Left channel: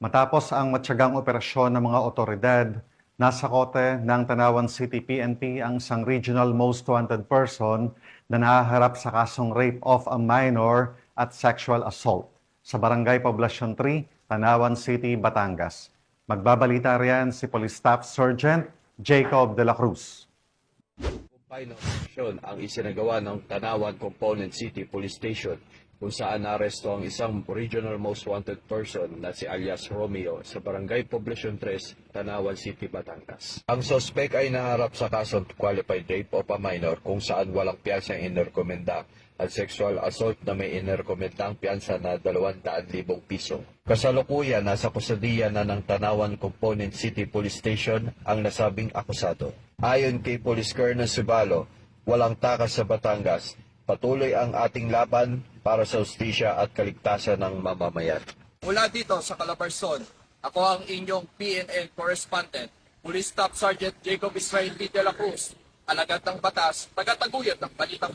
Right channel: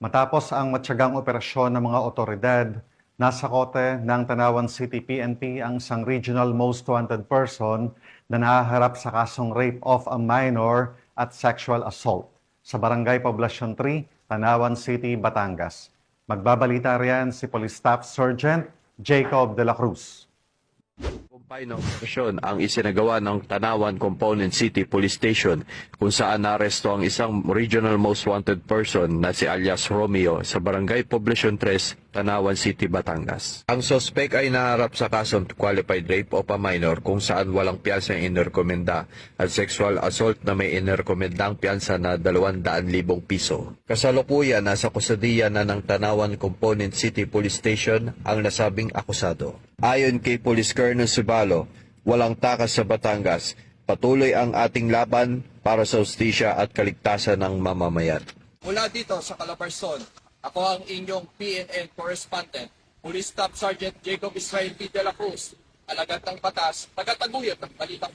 Matapos ang matyagang operasyon ng mga otoridad, nasa kote ng Tanawan City PNP ang isang regional most wanted person na nahaharap sa kasong rape of a minor at sexual assault sa Barangay Poblacion 3, Tanawan City, Batangas. Magbabalita riyan si Police Staff Sergeant Jacob de la Cruz. Kumpay ng operasyon ang isinagawa ng Tanawan Component City Police Station kung saan naaresto ang isang regional most wanted person na si alias Romeo sa Barangay Poblacion 3, Tanawan City, Batangas. Ang sospek ay naharap sa kasong qualified rape of a minor kung saan walang piyansang inerekomenda at sexual assault na may inerekomendang piyansa na 200,000 piso. Kasalukuyan nasa kusadiya na ng Tanawan Component City Police Station ang nasabing akusado. Ayon kay Police Colonel Sibalo, walang takas sa Batangas. Patuloy ang ating laban para sa hustisya at kaligtasan ng mamamayan. Mula dito sa Calabarzon, ako ang inyong PNN correspondent, Police Staff Sergeant Jacob Israel P. de la Cruz, alagad ng batas, tagataguyod ng balitang